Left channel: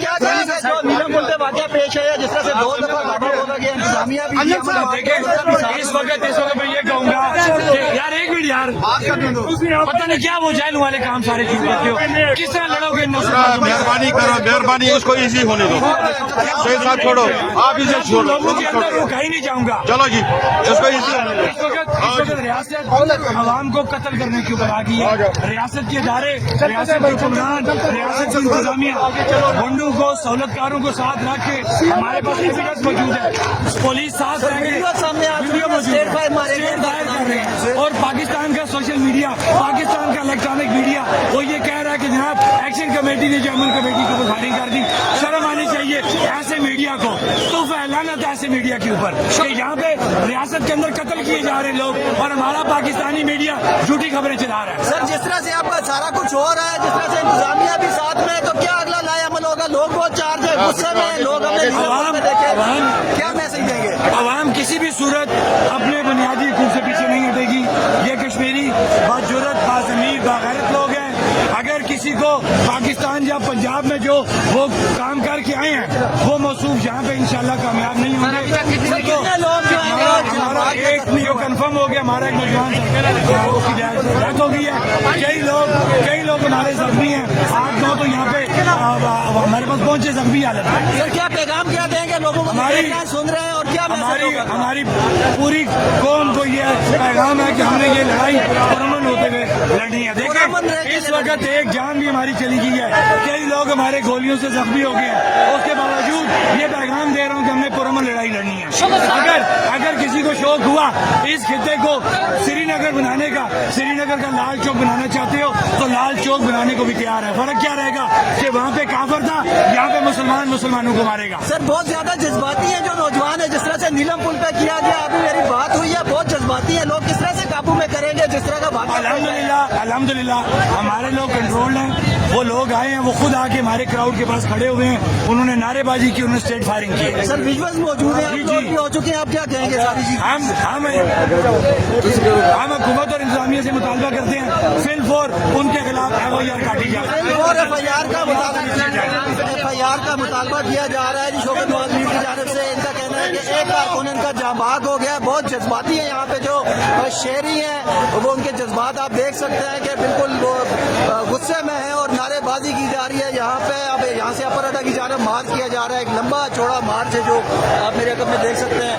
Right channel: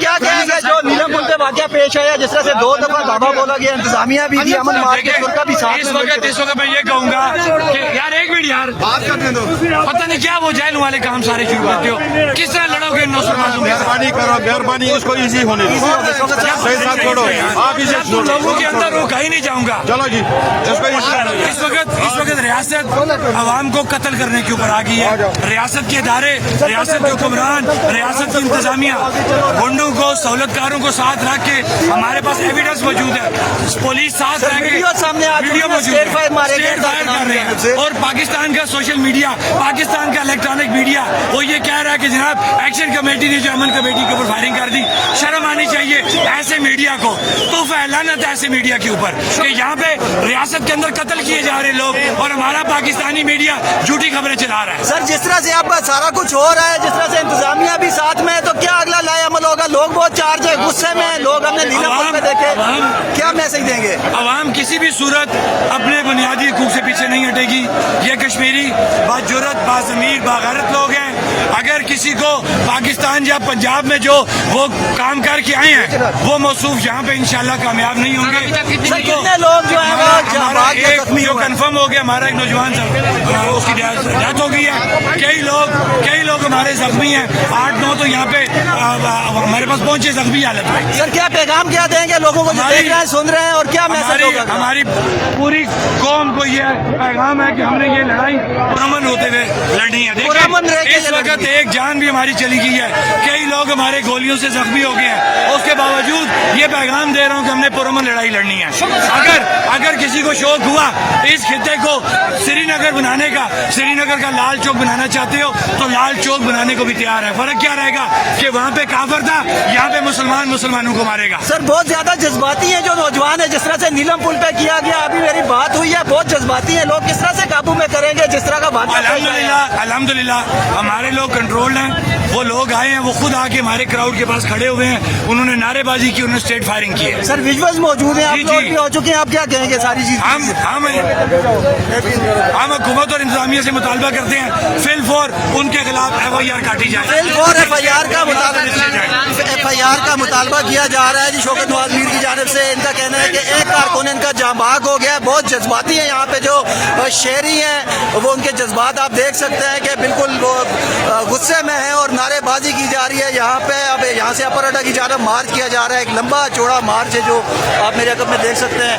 کیا کہیں گے جو نیلم پل پہ واقعہ پیش آیا جس طرح سے 2 دفعہ دھاوا بولا گیا, انتظامیہ بھی تھی, امن مارکیٹ ان کا بھی ساتھ. اس وقت میں یہ کہوں گا کہ یار ایک منٹ یار بات کرنے دو. پتہ نہیں کیا وہ جیل والے کام سارے شروع کرتے ہو, کس طرح لڑو گے ان مہربانی کرو, مہربانی اس کو ایزی ہونے دو. صحیح صاحب چھوڑو, آپ اسے چھوڑو. لوگوں کے اندر وہ کہیں نہیں جاؤں گا. چلو جی, اس کو ایزی ہونے دو. اس وقت ریاست عوام کو قتل کرنے کے اوپر آ گئی ہے. ریاست کے ادارے, ریاست کے حکمران, ریاست کی انتظامیہ گنڈوں کو, سہولت کاروں کو ساتھ رکھ کے, ہمارے پاس ایویڈنس موجود ہے, پولیس ساتھ رہ کے ویڈیو موجود ہے, اسٹیٹ فائر کر رہے ہیں. اور پاکستان کا سوشل میڈیا, پاکستان کا الیکٹرانک میڈیا وہ یہ کہہ رہا ہے کہ جناب ایکشن کمیٹی نے جو امن کمیٹی کے اوپر فائرنگ کر دی. شرم آنی چاہیے ایسے میڈیا کو. تو لعنت ہے ایسے میڈیا کے اوپر کہ یہاں پہ ریاست کے اندر قتل کیے جا رہے لوگ اور ہمارا پاکستانی میڈیا جھوٹی خبریں چلا رہا ہے. سر جس طرح سے آپ کا سارا کچھ ہو رہا ہے, جس طرح سے انتظامیہ بھی ساتھ میں, تو کیا اگلا لائے عمل ہوگا؟ لوگ بہت چارج ہے, غصے میں لوگ ہم نے نیلم پل پہ دیکھے, کیا میسج دیں گے؟ عوام کسی بھی صورت اپنے بنیادی حقوق سے پیچھے نہیں ہٹے گی. یہ کشمیری باجرت, باضمیر, باغیرت لوگ ہیں. اگر کسی کو پاکستان یا پنجاب میں جو وہ کام کر کے آئے ہیں وہ موصوف یہاں پہ انشاءاللہ کامیاب نہیں ہوں گے. کتنے لوگ جو ہمارا ایک جو کنفرم ہو گیا, ہمارا ایک نوجوان اس کی ڈیتھ ہو گئی ہے. کئی لوگ ہمارے زخمی ہیں, 8-9 تو یہاں پہ ہمارے پاس پہنچے زخمی حالت میں. سر کیا پیغام کیا دیں گے لوگوں کو جو دیکھ رہے ہیں, سن رہے ہیں, اور کیا ہماری پوری قوم کو یہ پیغام ہے کہ ہم نے یہ لڑائی پرامن ہوتے ہوئے لڑنی ہے. اس وقت ایک جان بھی ہماری چلی گئی ہے, کئی لوگ ہمارے گولیوں سے زخمی ہو گئے ہیں. اس کے باوجود یہ پیغام دے رہا ہوں کہ ہم نے پرامن لڑائی لڑنی ہے. اگر کسی کو شوق ہوا اس خطے کو سری نگر بنانے کا, سری نگر کا لال چوک بنانا چاہتے ہو تو لال چوک بنانے کو بھی تیار ہے. فرق کیا رہے گا کہ وہاں پہ کافر تھا, یہاں پہ مسلمانوں کو مارے گا. سر بہت زیادہ جذباتی ہیں جو نوجوان ہے, جس طرح سے نیلم پل پہ کیا گیا, ابھی میری بات ہوئی ہے, بہت جذباتی ہیں لوگ. کس طرح سے قابو میں کریں گے جس طرح کا بات؟ الحمدللہ ہمارے لوگ کنٹرول ہیں. وہ لوگ آئے ہیں, وہ خود آ کے ہمارے کراؤڈ کے پاس کھڑے ہوئے ہیں, انہوں نے نعرے بازی کی, انہوں نے اسٹیٹ فائرنگ کی ہے. سر ویژولز موجود ہیں, آپ لوگ بھی ہو چکے ہیں, آپ کیا کہیں گے ساری چیز؟ ہم حکومت اور انتظامیہ سے مطالبہ کرتے ہیں فل فور ان کے خلاف FIR کاٹی جائے. FIR کا مطالبہ کیا جا رہا ہے جی شوکت نواز میر کی جانب سے. ان کا کہنا ہے کہ ایک کارکن ان کا جاں بحق ہو گیا ہے. بہت جذباتی ہیں یہاں پہ جو شہری ہیں, وہ ان کے جذبات آپ دیکھ سکتے ہیں کہ بالکل وہ غصے میں ہیں اور نعرے بازی کی جا رہی ہے یہاں پہ. اب یہاں سے اپر اڈا کی جانب مارچ کیا جا رہا ہے, ایک لمبا چوڑا مارچ ہے جو آپ میرے عقب میں دیکھ سکتے ہیں.